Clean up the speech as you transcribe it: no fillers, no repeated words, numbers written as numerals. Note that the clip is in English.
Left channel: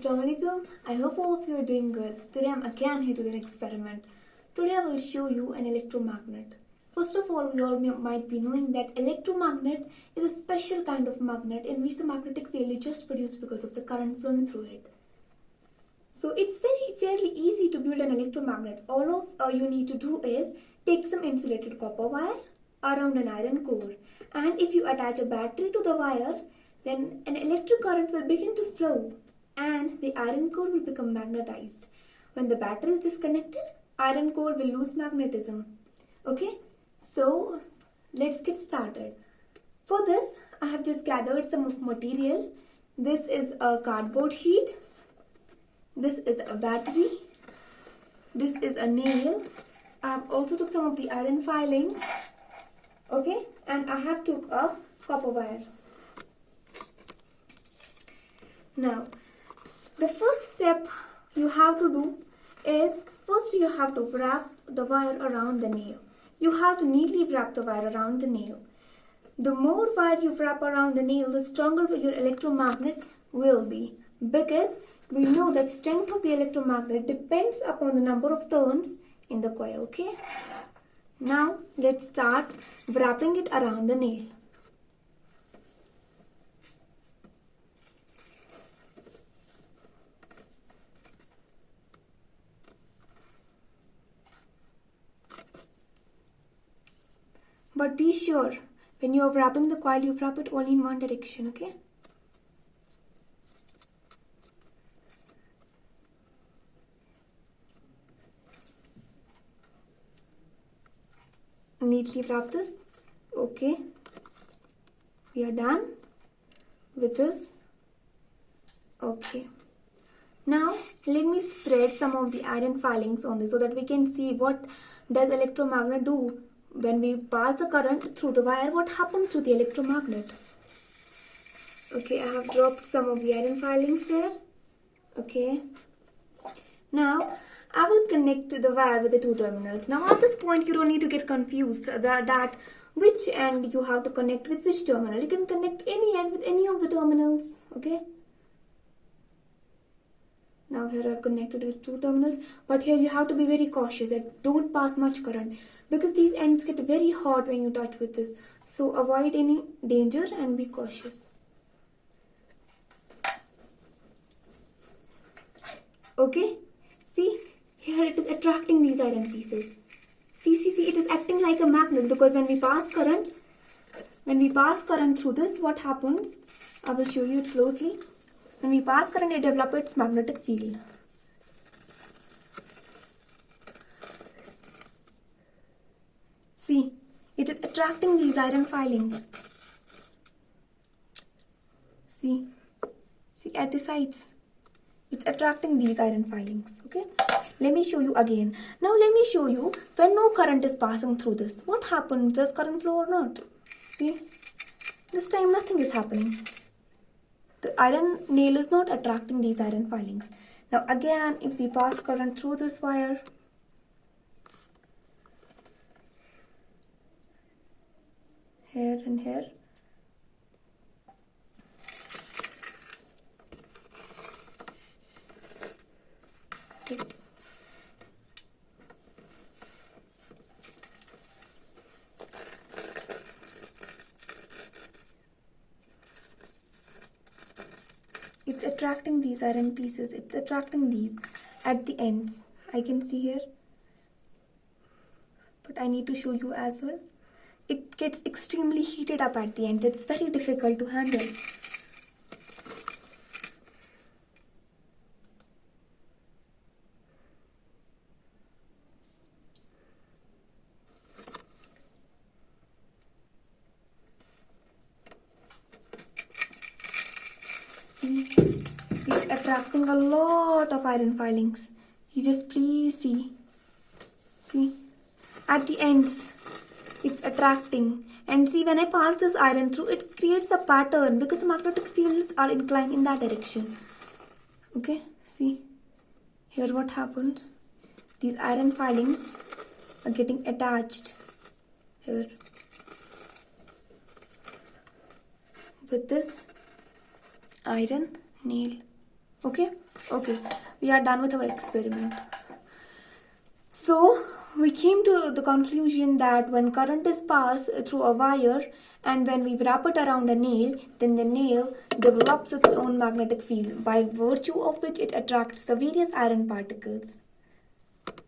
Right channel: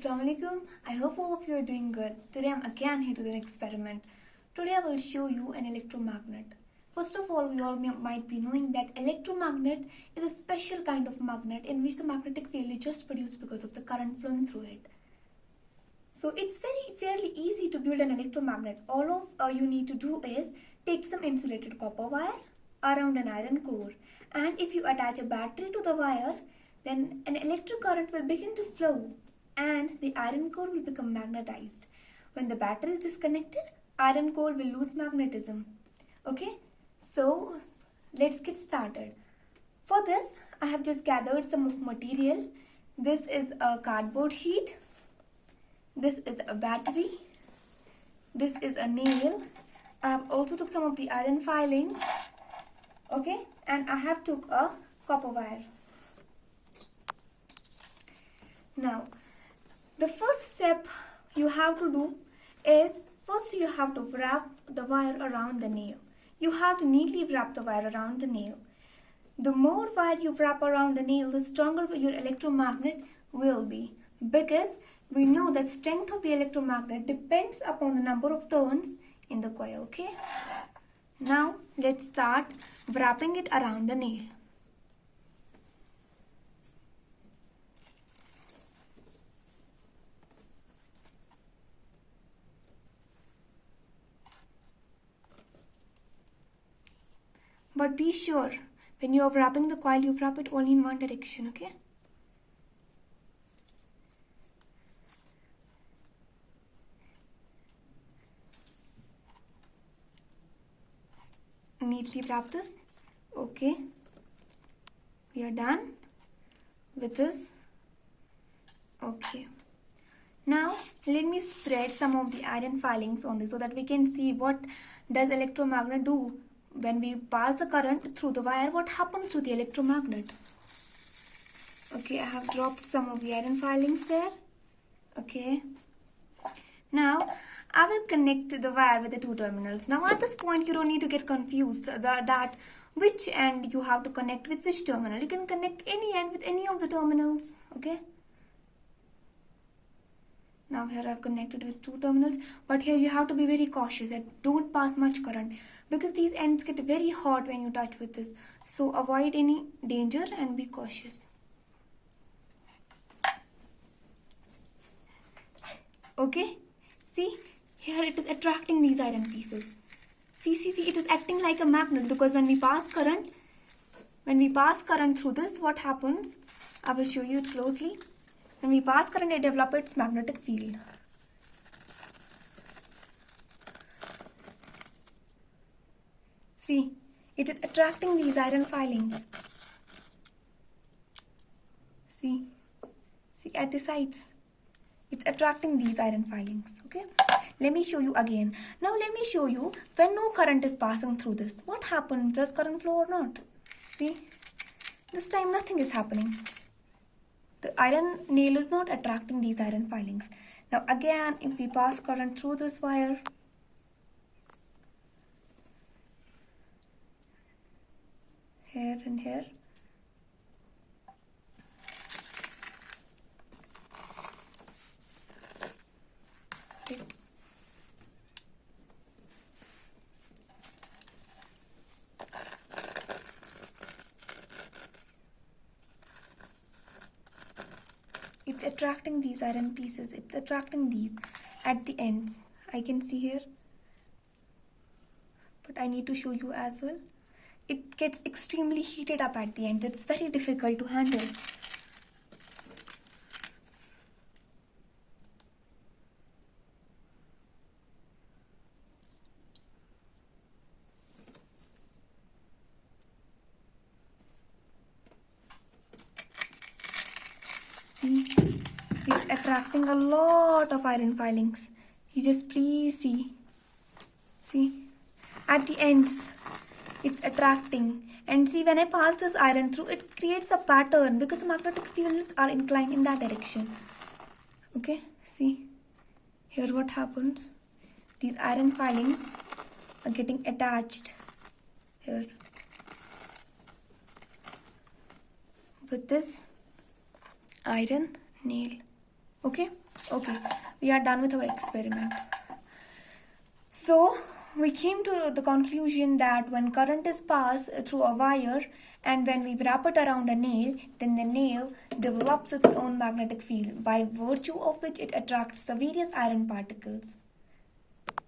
Assalamualaikum. I hope all of you are doing good. Today I'm again here to do an experiment. Today I will show you an electromagnet. First of all, we all might be knowing that electromagnet is a special kind of magnet in which the magnetic field is just produced because of the current flowing through it. So it's fairly easy to build an electromagnet. All of you need to do is take some insulated copper wire around an iron core, and if you attach a battery to the wire, then an electric current will begin to flow and the iron core will become magnetized. When the battery is disconnected, iron core will lose magnetism. Okay, so let's get started. For this, I have just gathered some of material. This is a cardboard sheet. This is a battery. This is a nail. I have also took some of the iron filings. Okay, and I have took a copper wire. Now, the first step you have to do is first you have to wrap the wire around the nail. You have to neatly wrap the wire around the nail. The more wire you wrap around the nail, the stronger your electromagnet will be, because we know that strength of the electromagnet depends upon the number of turns in the coil. Okay, now let's start wrapping it around the nail. But be sure, when you are wrapping the coil, you wrap it only in one direction, okay? Neatly wrap this. Okay. We are done with this. Okay. Now, let me spread some of the iron filings on this so that we can see what does electromagnet do. When we pass the current through the wire, what happens to the electromagnet? Okay, I have dropped some of the iron filings there. Okay. Now, I will connect the wire with the two terminals. Now, at this point, you don't need to get confused that which end you have to connect with which terminal. You can connect any end with any of the terminals. Okay. Now, here I've connected with two terminals. But here you have to be very cautious that don't pass much current, because these ends get very hot when you touch with this. So avoid any danger and be cautious. Okay, see, here it is attracting these iron pieces. See, it is acting like a magnet, because when we pass current through this, what happens? I will show you it closely. When we pass current, it develops its magnetic field. See, it is attracting these iron filings. See at the sides. It's attracting these iron filings. Okay, let me show you again. Now let me show you when no current is passing through this. What happens? Does current flow or not? See, this time nothing is happening. The iron nail is not attracting these iron filings. Now again, if we pass current through this wire, here and here, it's attracting these iron pieces. It's attracting these at the ends. I can see here, but I need to show you as well. It gets extremely heated up at the ends. It's very difficult to handle. See, it's attracting a lot of iron filings. You just please see. See, at the ends, it's attracting. And see, when I pass this iron through, it creates a pattern because the magnetic fields are inclined in that direction. Okay, see, here what happens? These iron filings are getting attached here with this iron nail. Okay, we are done with our experiment. So we came to the conclusion that when current is passed through a wire and when we wrap it around a nail, then the nail develops its own magnetic field by virtue of which it attracts the various iron particles.